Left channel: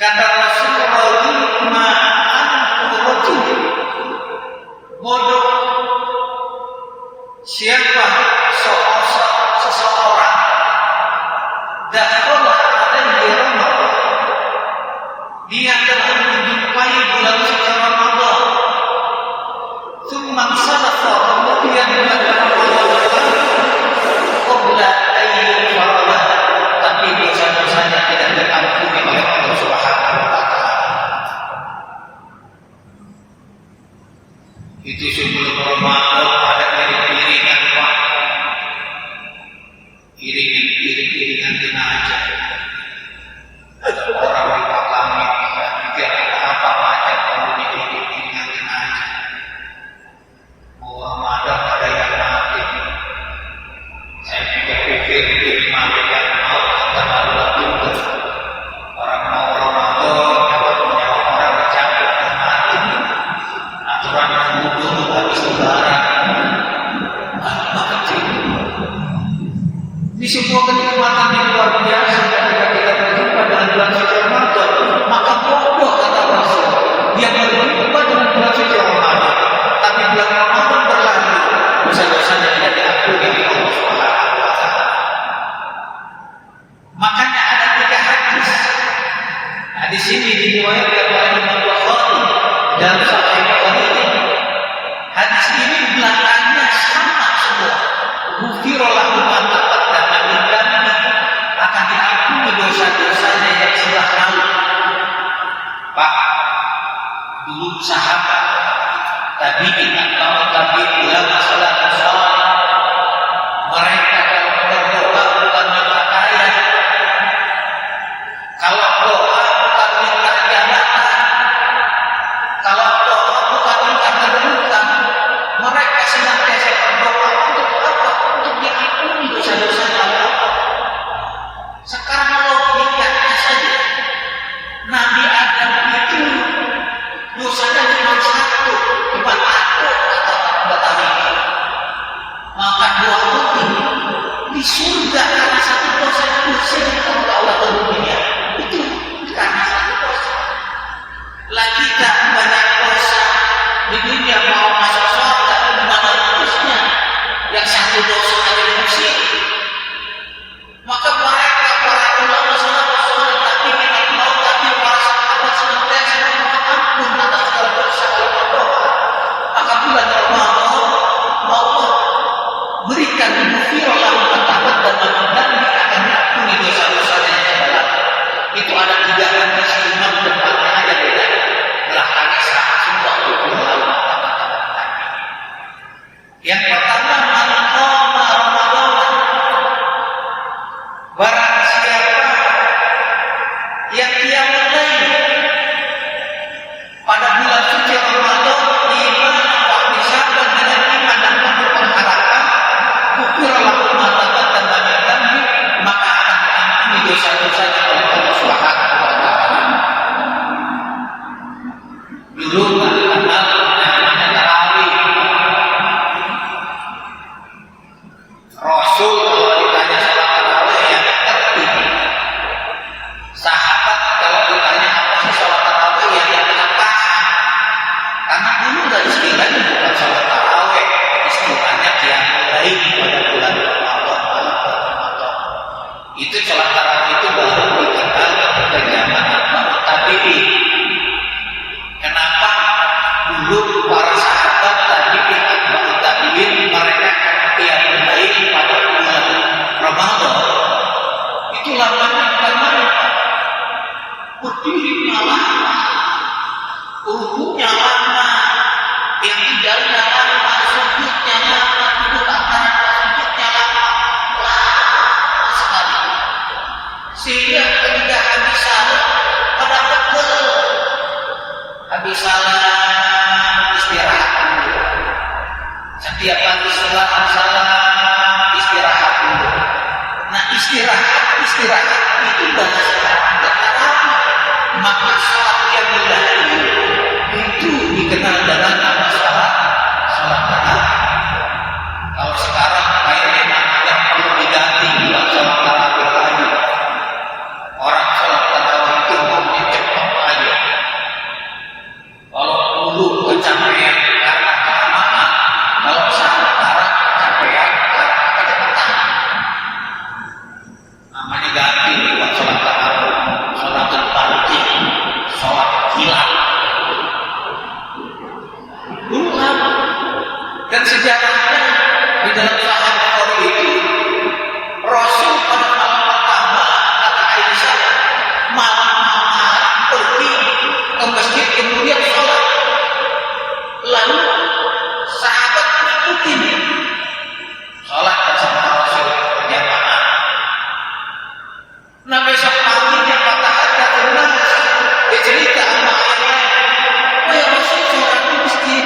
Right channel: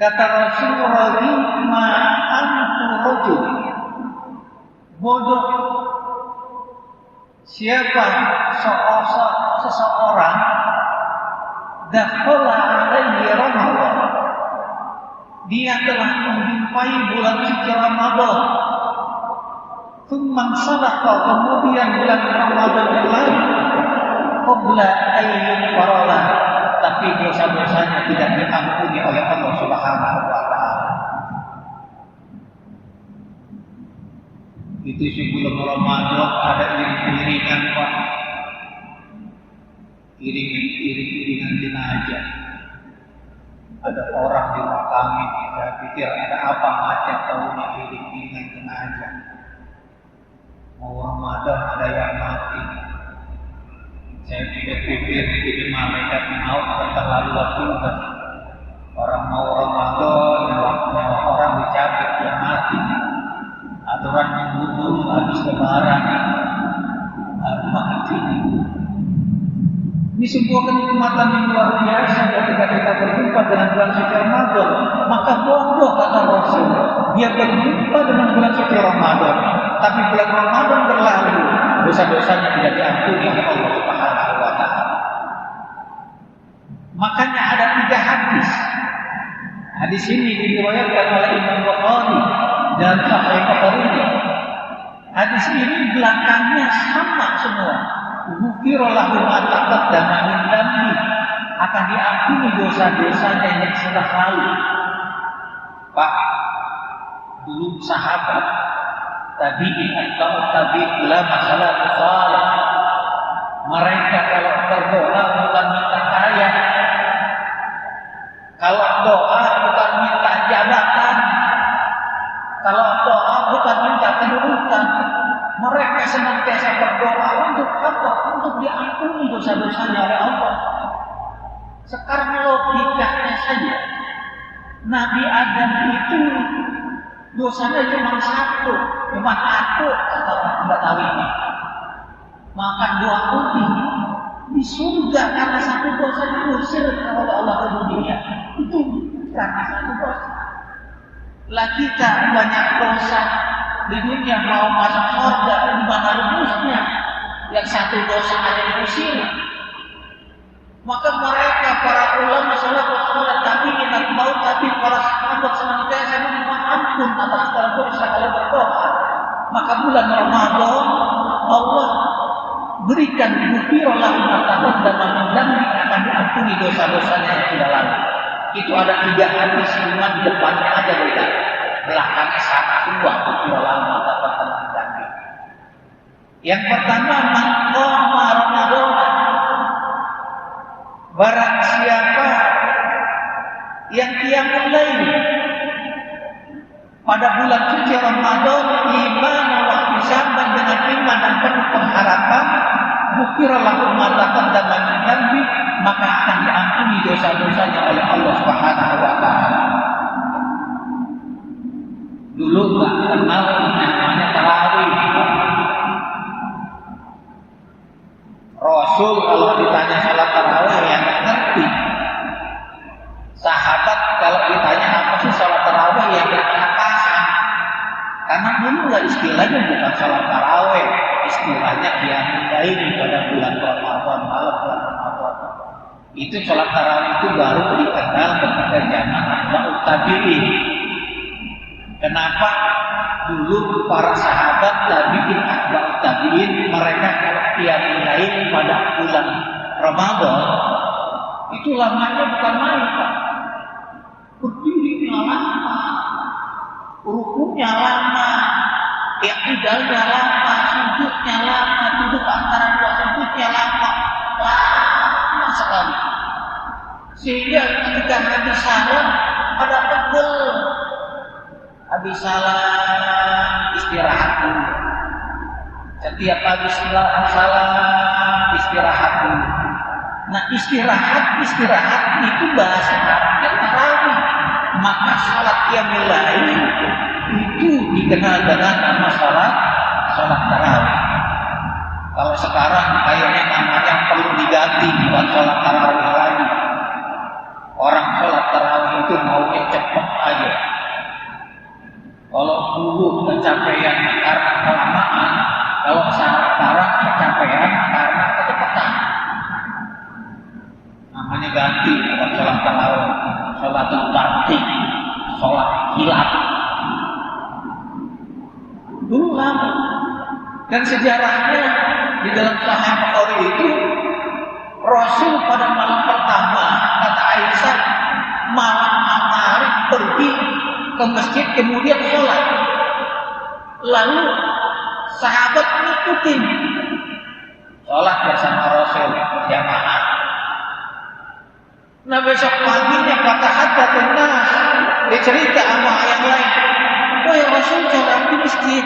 Kata Rasulullah, ma antu rajul, bodoh siapa seseorang dakhala alaihi Ramadan, dia telah menjumpai bulan suci Ramadan, tsumma sadaqa, kemudian bulan Ramadan lalu qabla ayyul faralah, tapi dosa-dosanya tidak diampuni oleh Allah Subhanahu wa taala. Itu sebelum Ramadan ada iring-iringan Pak, iring-iringan jenazah. Ada orang di makami, saya pikir ada apa macam kalau ini iring-iringan jenazah. Mau Ramadan ada yang mati. Saya pikir malaikat maut terlalu juga. Orang mau Ramadan, nyawa orang dicabut dan mati. Aturan nunggu dulu habis lebaran, mati. Ini sebuah kenikmatan yang luar biasa ketika kita berjumpa dengan bulan suci Ramadan. Maka bodoh kata Rasul, dia berjumpa dengan bulan suci Ramadan, tapi bulan Ramadan berlalu, dosa-dosanya tidak diampuni oleh Allah Subhanahu wa taala. Makanya ada 3 hadis. Hadis ini diriwayatkan oleh Imam Bukhari dalam Sahih Bukhari. Hadis ini belakangnya sama semua. Ghufira lahu ma taqaddama min dhanbi, akan diampuni dosa-dosanya yang telah lalu. Pak, dulu sahabat tabi'in atau tabi'in masalah saleh, mereka kalau berdoa bukan minta kaya, kalau doa bukan minta jabatan, kalau doa bukan minta kedudukan, mereka senantiasa berdoa untuk apa? Untuk diampuni dosa-dosanya oleh Allah. Sekarang logikanya saja, Nabi Adam itu dosanya cuma satu atau Betawi ini. Makan buah putih di surga karena satu dosa diusir oleh Allah ke dunia. Itu karena satu dosa. Lah kita banyak dosa di dunia, mau masuk surga di mana rumusnya? Yang satu dosa aja diusir. Maka mereka para ulama salafus tapi minat mau, tapi para sahabat senantiasa memohon ampun atas segala dosa kalau berdoa. Maka bulan Ramadan Allah berikan ghufira lahu ma taqaddama min dhanbi, akan diampuni dosa-dosanya yang sudah lalu. Itu ada 3 hadis, cuma depannya aja beda, belakangnya sama semua. Ghufira lahu ma taqaddama min dhanbi. Yang pertama, man qama Ramadan, barang siapa yang qiyamul lail pada bulan suci Ramadan, iman wa ihtisaban, dengan iman dan penuh pengharapan, ghufira lahu ma taqaddama min dhanbi, maka akan diampuni dosa-dosanya oleh Allah Subhanahu wa taala. Dulu enggak kenal namanya tarawih. Rasul kalau ditanya salat tarawih yang enggak ngerti. Sahabat kalau ditanya apa sih salat tarawih yang enggak paham. Karena dulu enggak istilahnya bukan salat tarawih, istilahnya qiyamul lail pada bulan Ramadan, malam bulan Ramadan. Itu salat tarawih itu baru dikenal ketika zaman atba'ut tabi'in. Kenapa? Dulu para sahabat tabi'in, atba'ut tabi'in, mereka kalau qiyamul lail pada bulan Ramadan itu lamanya bukan main, Pak. Berdirinya lama, rukunya lama, i'tidalnya lama, sujudnya lama, duduk antara 2 sujudnya lama sekali. Sehingga ketika habis salam pada pegel, habis salam istirahat dulu. Setiap pagi setelah salam istirahat dulu. Nah, istirahat itu bahasa Arab tarawih. Maka salat qiyamul lail itu dikenal dengan nama salat tarawih. Kalau sekarang kayaknya namanya perlu diganti buat salat tarawih lagi. Orang salat tarawih itu maunya cepat, kecapean karena kecepatan. Namanya ganti buat sholat tarawih, sholatul barqi, sholat hilal. Dulu lama. Dan sejarahnya di dalam Sahih Bukhari itu Rasul pada malam pertama kata Aisyah malam pergi ke masjid kemudian sholat. Lalu sahabat ngikutin sholat bersama Rasul berjamaah. Nah besok paginya patah hati ternas dia cerita sama yang lain. Oh ya Rasul sholat di masjid.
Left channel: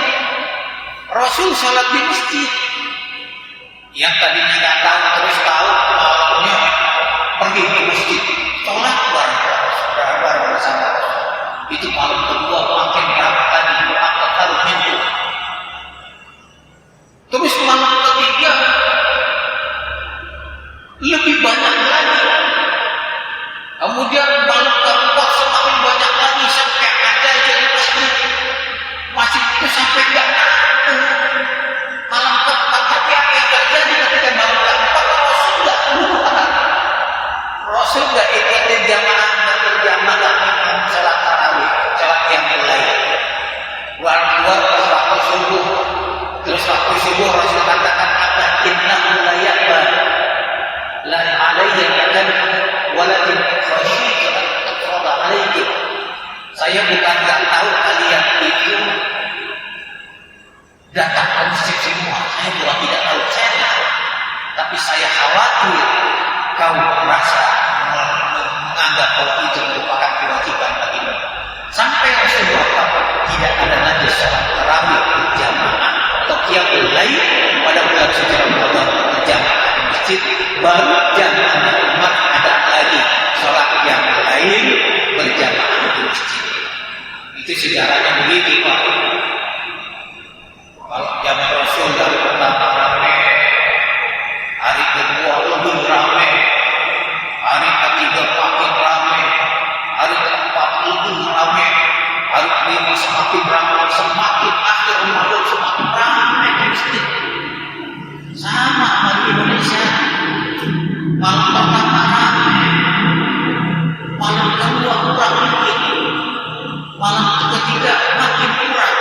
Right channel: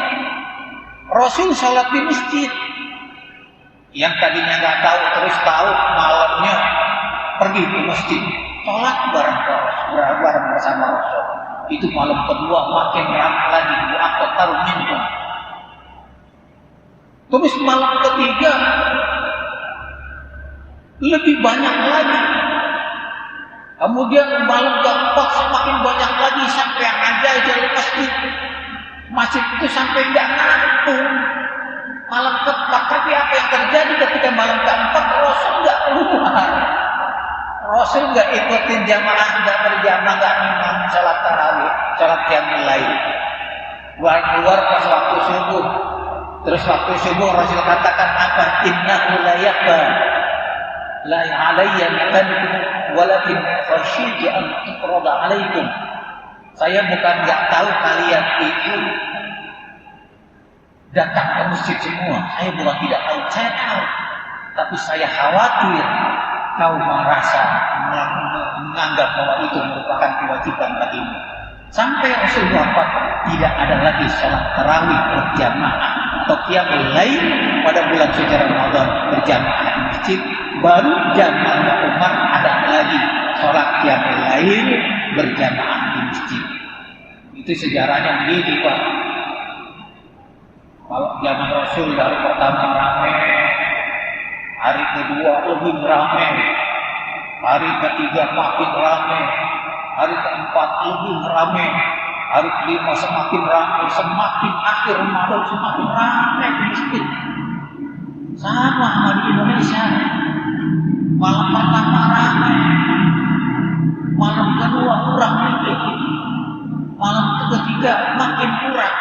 Rasul sholat di masjid. Yang tadinya nggak tahu terus tahu malamnya pergi ke masjid sholat bareng bersama Rasul. Itu malam kedua makin ramai lagi doa taruh minggu. Terus malam ketiga lebih banyak lagi. Kemudian malam keempat semakin banyak lagi sampai aja jadi masjid. Masjid itu sampai nggak nampung. Malam keempat tapi apa yang terjadi ketika malam keempat Rasul nggak keluar. Rasul nggak ikutin jamaah, nggak berjamaah, nggak imam sholat tarawih, sholat qiyamul lail. Keluar pas waktu subuh. Terus waktu subuh Rasul katakan apa? Innahu la yaqbal la alayya makankum walakin khasyitu an tuqrada alaikum. Saya bukan nggak tahu kalian itu datang ke masjid semua. Saya bukan tidak tahu, saya tahu. Tapi saya khawatir kau merasa menganggap bahwa itu merupakan kewajiban bagimu. Sampai Rasulullah tidak ada lagi sholat tarawih berjamaah atau qiyamul lail pada bulan suci Ramadan berjamaah di masjid. Baru zamannya umat ada lagi sholat qiyamul lail berjamaah di masjid. Itu sejarahnya begitu Pak. Kalau zaman Rasul dari pertama ramai, hari kedua lebih ramai, hari ketiga makin ramai, hari keempat lebih ramai, hari kelima semakin ramai, semakin akhir Ramadan semakin ramai di masjid. Sama di Indonesia, malam pertama ramai, malam kedua kurang dikit, malam ketiga makin kurang,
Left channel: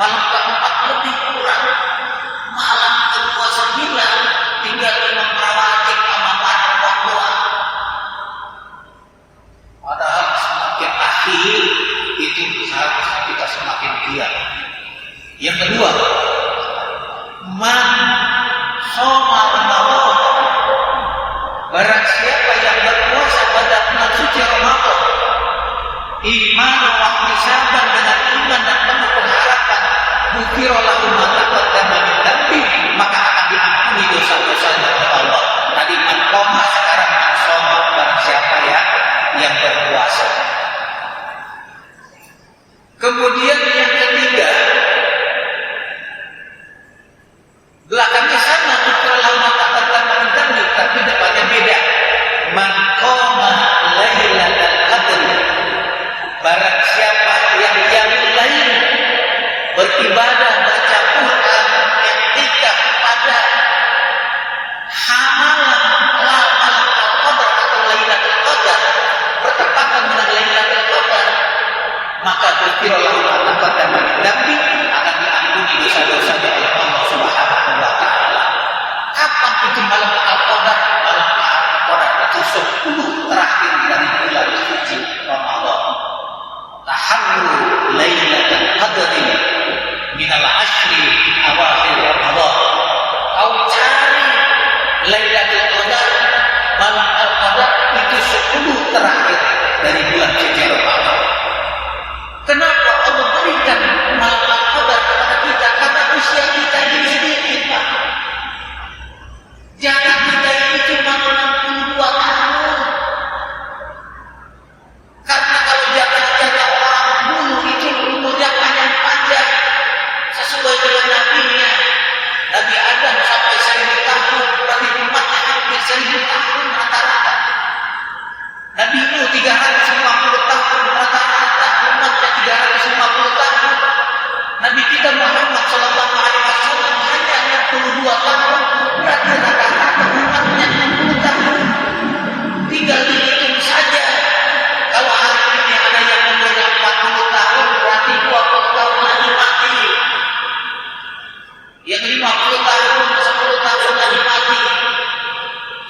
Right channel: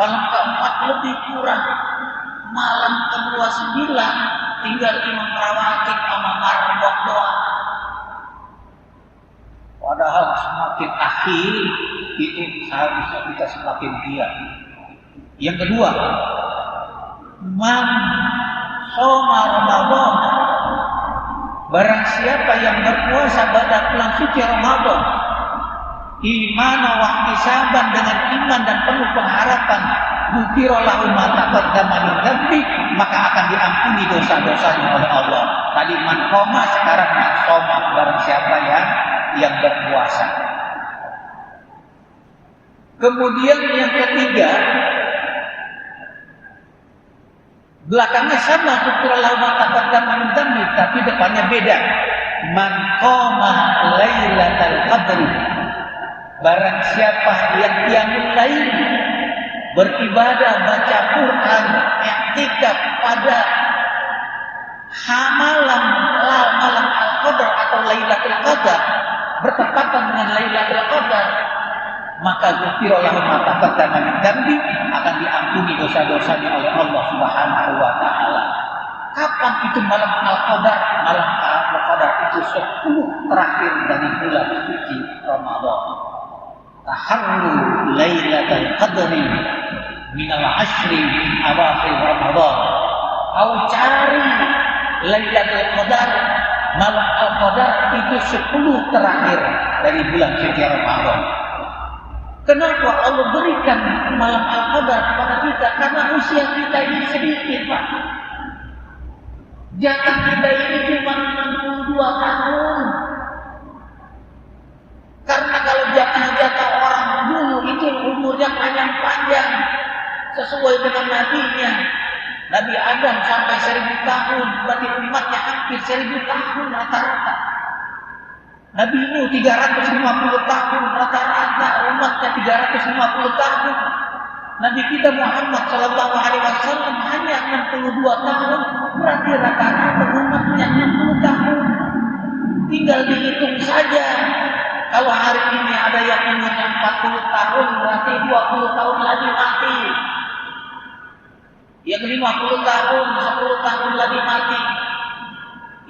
malam keempat lebih kurang, malam kedua 9 tinggal imam rawatib sama marah doa. Padahal semakin akhir itu seharusnya kita semakin giat. Yang kedua, man shoma Ramadan, barang siapa yang berpuasa pada bulan suci Ramadan, iman wa ihtisaban dengan iman dan penuh pengharapan, ghufira lahu ma taqaddama min dhanbi, maka akan diampuni dosa-dosanya oleh Allah. Tadi man qoma, sekarang man shoma, barang siapa yang berpuasa. Kemudian yang ketiga, belakangnya sama, ghufira lahu ma taqaddama min dhanbi, tapi depannya beda. Man qoma lailatal qadri, barang siapa yang qiyamul lail, beribadah, baca Quran, iktikaf pada malam Al-Qadar atau Lailatul Qadar, bertepatan dengan Lailatul Qadar, maka ghufira lahu ma taqaddama min dhanbi, akan diampuni dosa-dosanya oleh Allah Subhanahu wa taala. Kapan itu malam Al-Qadar? Malam Al-Qadar itu 10 terakhir dari bulan suci Ramadan. Taharru Lailatul Qadri minal ashri awakhir Ramadan. Kau cari Lailatul Qadar, malam Al-Qadar itu 10 terakhir dari bulan suci Ramadan. Kenapa Allah berikan malam Al-Qadar kepada kita? Karena usia kita ini sedikit, Pak. Jatah kita ini cuma 62 tahun. Karena kalau jatah-jatah orang dulu itu umurnya panjang sesuai dengan nabinya. Nabi Adam sampai 1000 tahun, berarti umatnya hampir 1000 tahun rata-rata. Nabi Nuh 350 tahun rata-rata, umatnya 350 tahun. Nabi kita Muhammad SAW hanya 42 tahun, berarti rata-rata umatnya 60 tahun. Tinggal dihitung saja. Kalau hari ini ada yang umurnya 40 tahun, berarti 20 tahun lagi mati. Yang 50 tahun, 10 tahun lagi mati.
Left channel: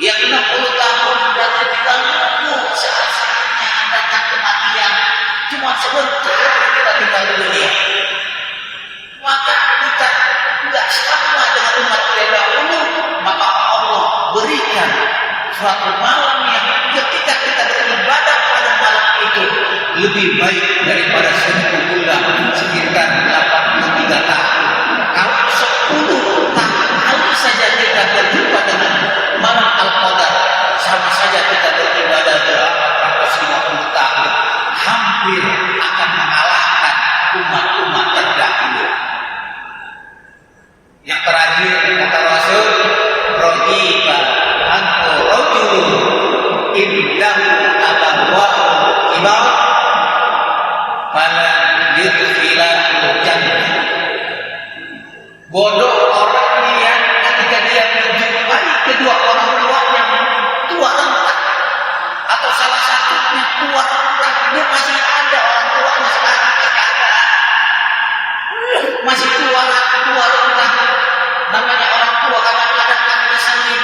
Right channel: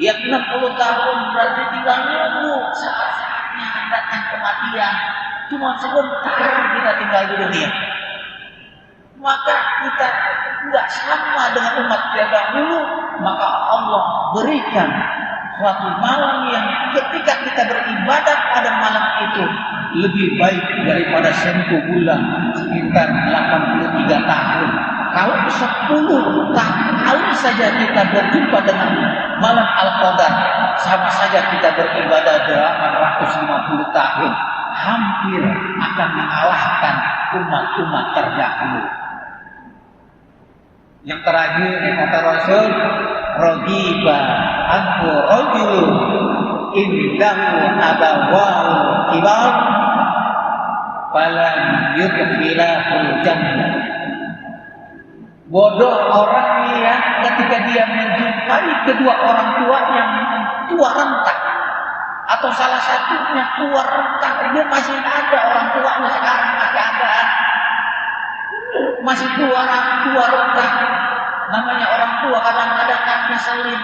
Yang 60 tahun berarti tinggal nunggu saat-saatnya datang kematian. Cuma sebentar kita tinggal di dunia. Maka kita tidak sama dengan umat yang dahulu. Maka Allah berikan suatu malam yang ketika kita beribadah pada malam itu lebih baik daripada 1000 bulan, sekitar 83 tahun. Kalau 10 tahun saja kita berjumpa dengan malam Al-Qadar, sama saja kita beribadah 850 tahun, hampir akan mengalahkan umat-umat terdahulu. Yang terakhir kata Rasul, rojiba anhu rajulun indahu abawahu kibar falan yudkhilahu jannah. Bodoh orang yang ketika dia menjumpai kedua orang tuanya tua renta, atau salah satunya tua renta, dia masih ada orang tuanya sekarang masih ada, masih tua renta. Namanya orang tua kadang-kadang kan ngeselin,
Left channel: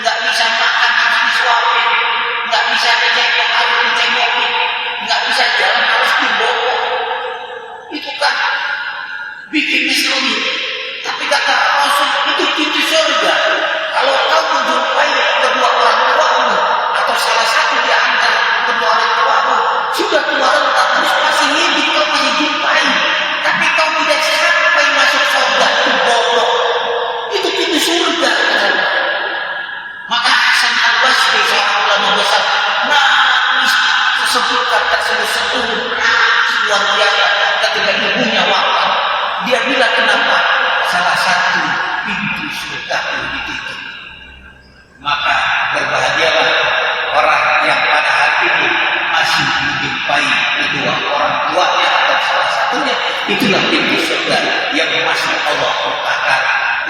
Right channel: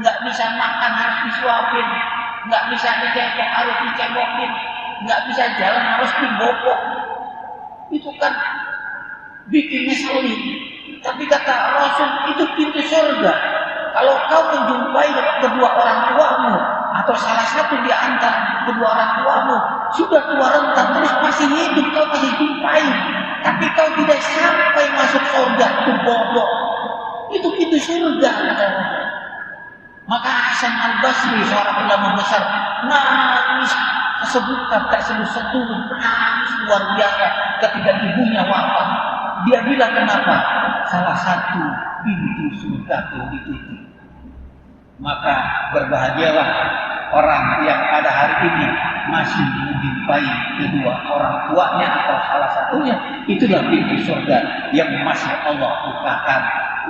nggak bisa makan harus disuapin, nggak bisa dicengkok harus dicengkokin, nggak bisa jalan harus dibopok. Itu kan bikin ngeselin. Tapi kata Rasul itu pintu surga. Kalau kau menjumpai kedua orang tuamu atau salah satu di antara kedua orang tuamu sudah tua renta terus masih hidup, kau masih jumpai, tapi kau tidak sampai masuk surga, itu bodoh. Itu pintu surga katanya. Maka Hasan Al-Basri seorang ulama besar nangis tersebut nangis luar biasa ketika ibunya wafat. Dia bilang kenapa? Salah satu pintu surga itu ditutup. Maka berbahagialah orang yang pada hari ini masih menjumpai kedua orang tuanya atau salah satunya. Itulah pintu surga yang masih Allah bukakan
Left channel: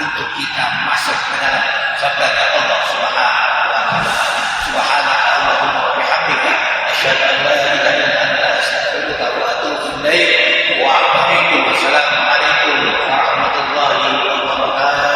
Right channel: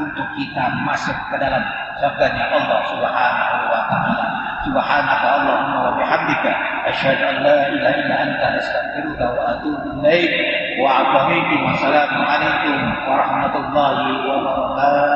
untuk kita masuk ke dalam surganya Allah Subhanahu wa ta'ala. Subhanaka Allahumma wa bihamdika asyhadu an la ilaha illa anta astaghfiruka wa atubu ilaik. Wa assalamualaikum warahmatullahi wabarakatuh.